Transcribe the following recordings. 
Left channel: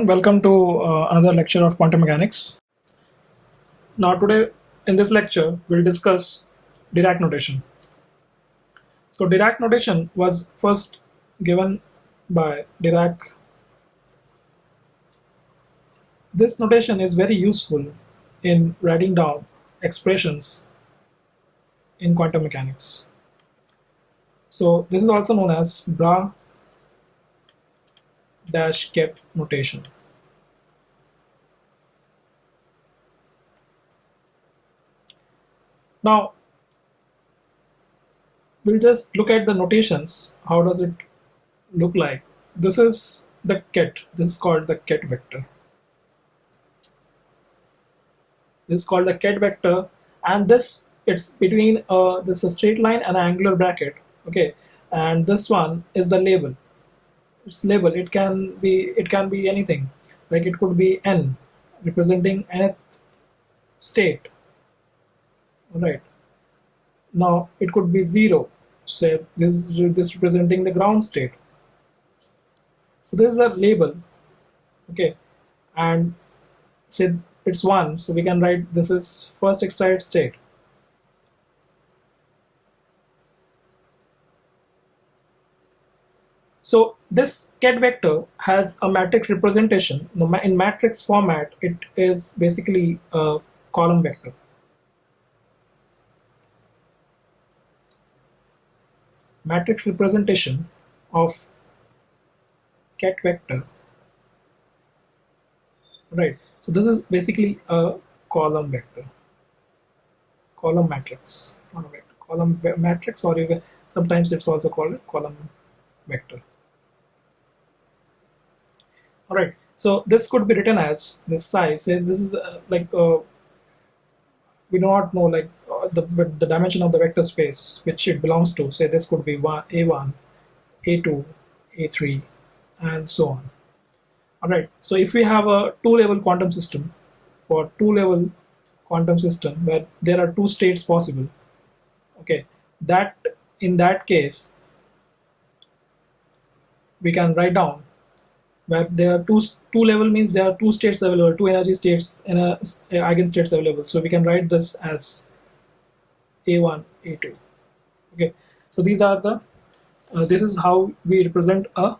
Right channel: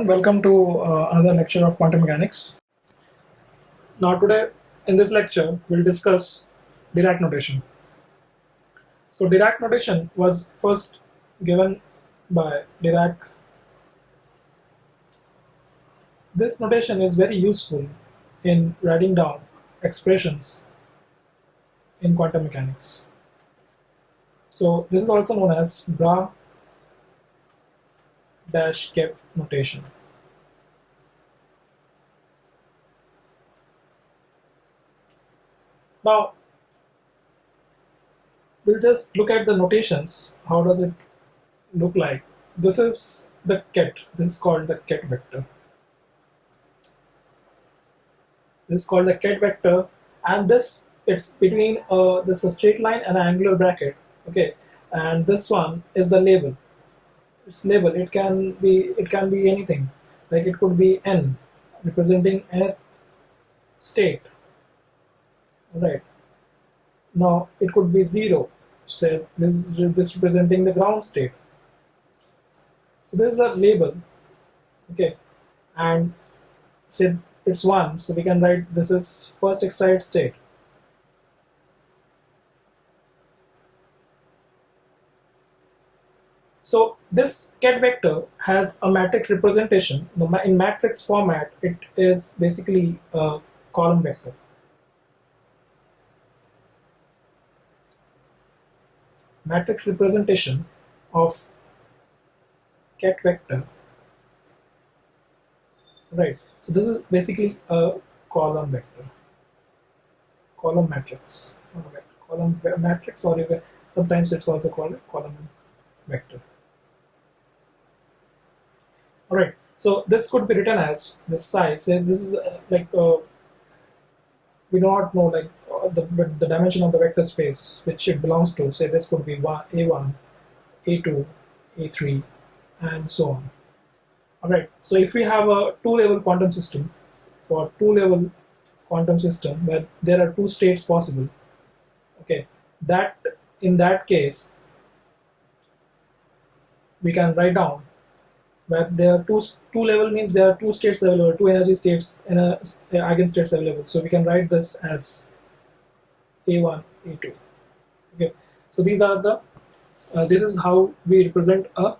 everyone, welcome to another lecture of quantum mechanics. Now today in this lecture we'll discuss Dirac notation. So Dirac notation was first given by Dirac. This notation is very useful in writing down expressions in quantum mechanics. So this is also known as Bra-Ket notation. Now we'll just look at the notations. How does it look like? This is the ket. This is called the ket vector. This is called the ket vector, and this it's between this a straight line and an angular bracket. Okay, and this one is the label. It's label. It can be anything. Like it could be n, representing nth state. Right. Now it could be 0. Say this representing the ground state. So this is a label. Okay, and say it's 1. So we can write this is first excited state. So this ket vector has a matrix representation. In matrix format, it is basically a column vector. Matrix representation of ket vector. Right. So this is basically a column vector. Column matrix. Not a vector. Column matrix, or even sometimes it's also called a column vector. All right. So this could be written as this size. Say this is we do not know the dimension of the vector space which it belongs to. Say this could be A1, A2, A3, and so on. All right. So if we have a two-level quantum system, for two-level quantum system where there are two states possible, okay, that in that case we can write down where there are two level means there are two states available, two energy states and a eigenstates available. So we can write this as A1, A2. Okay, so these are the this is how we represent a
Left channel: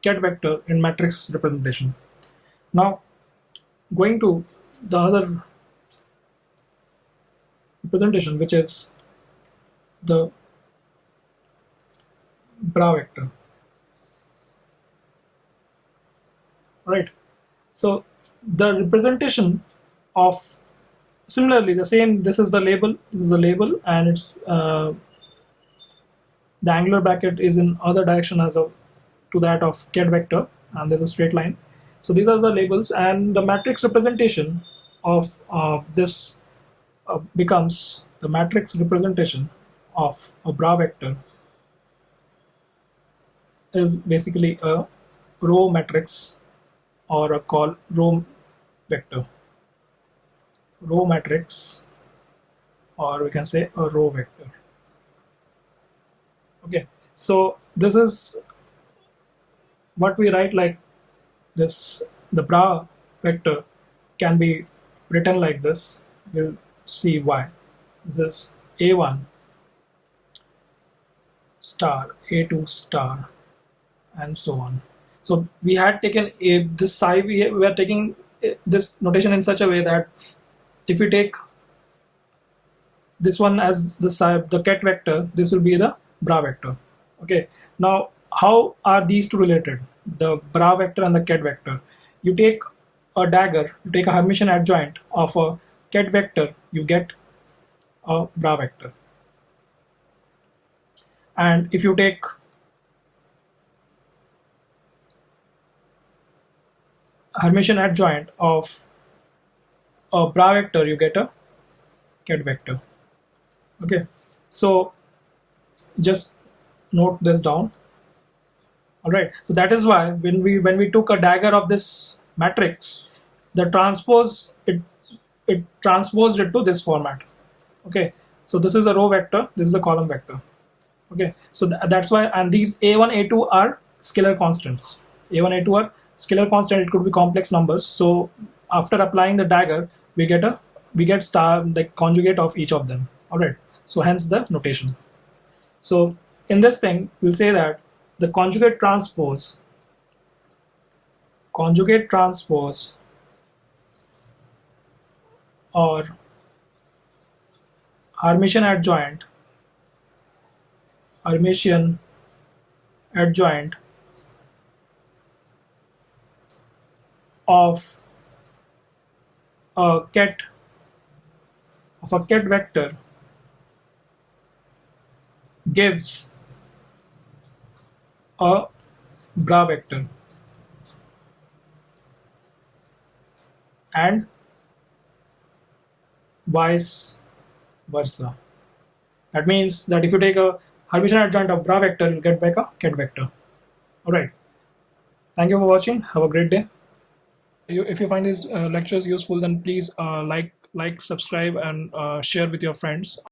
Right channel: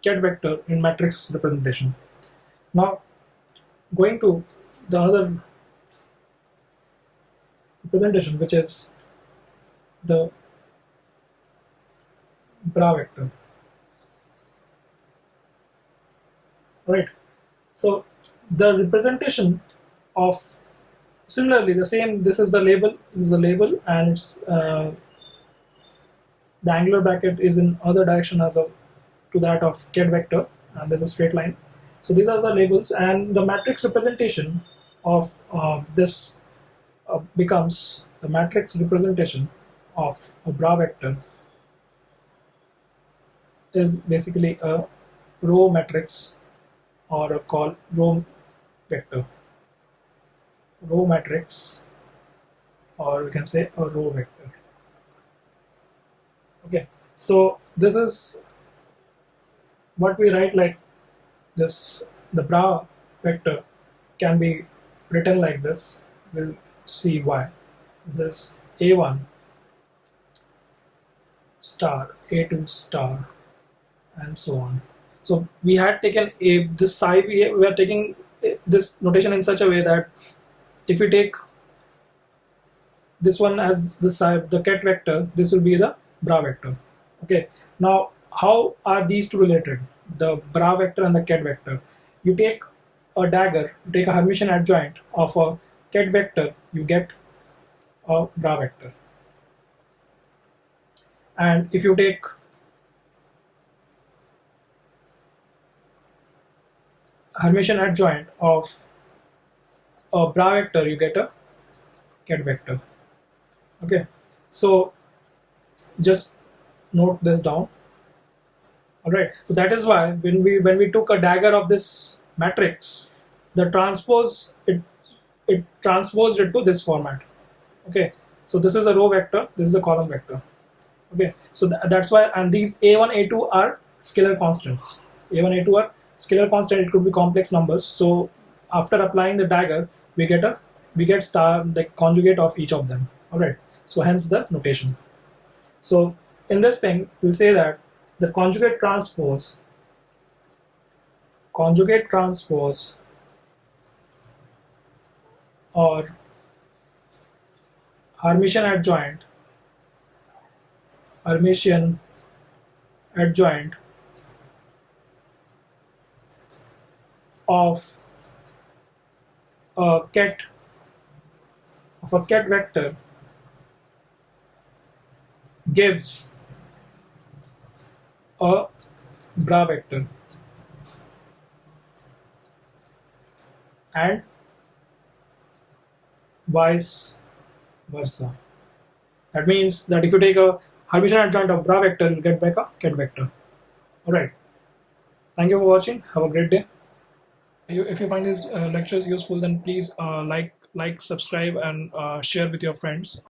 ket vector in matrix representation. Now going to the other representation, which is the Bra vector. Right. So the representation of similarly the same. This is the label. This is the label, and it's the angular bracket is in other direction as to that of ket vector, and there's a straight line. So these are the labels, and the matrix representation of this becomes the matrix representation of a Bra vector is basically a row matrix, or a row vector, row matrix, or we can say a row vector. Okay, so this is what we write like this. The Bra vector can be written like this. We'll see why. This is A1 star, A2 star, and so on. So we had taken this side. We are taking this notation in such a way that if we take this one as the side, the ket vector, this will be the Bra vector. Okay. Now, how are these two related? The Bra vector and the ket vector. You take a dagger, you take a Hermitian adjoint of a ket vector, you get a Bra vector. And if you take Hermitian adjoint of a Bra vector, you get a ket vector. Okay, so just note this down. All right, so that is why when we took a dagger of this matrix, the transpose it transposed it to this format. Okay, so this is a row vector, this is a column vector. Okay, so that's why, and these A1, A2 are scalar constants. A1, A2 are scalar constant, it could be complex numbers. So after applying the dagger, we get star, like conjugate of each of them. All right. So hence the notation. So in this thing, we'll say that the conjugate transpose or Hermitian adjoint of a ket vector gives a bra vector, and vice versa. That means that if you take a Hermitian adjoint of bra vector, you'll get back a ket vector. All right. Thank you for watching. Have a great day. If you find these lectures useful, then please like, subscribe, and share with your friends.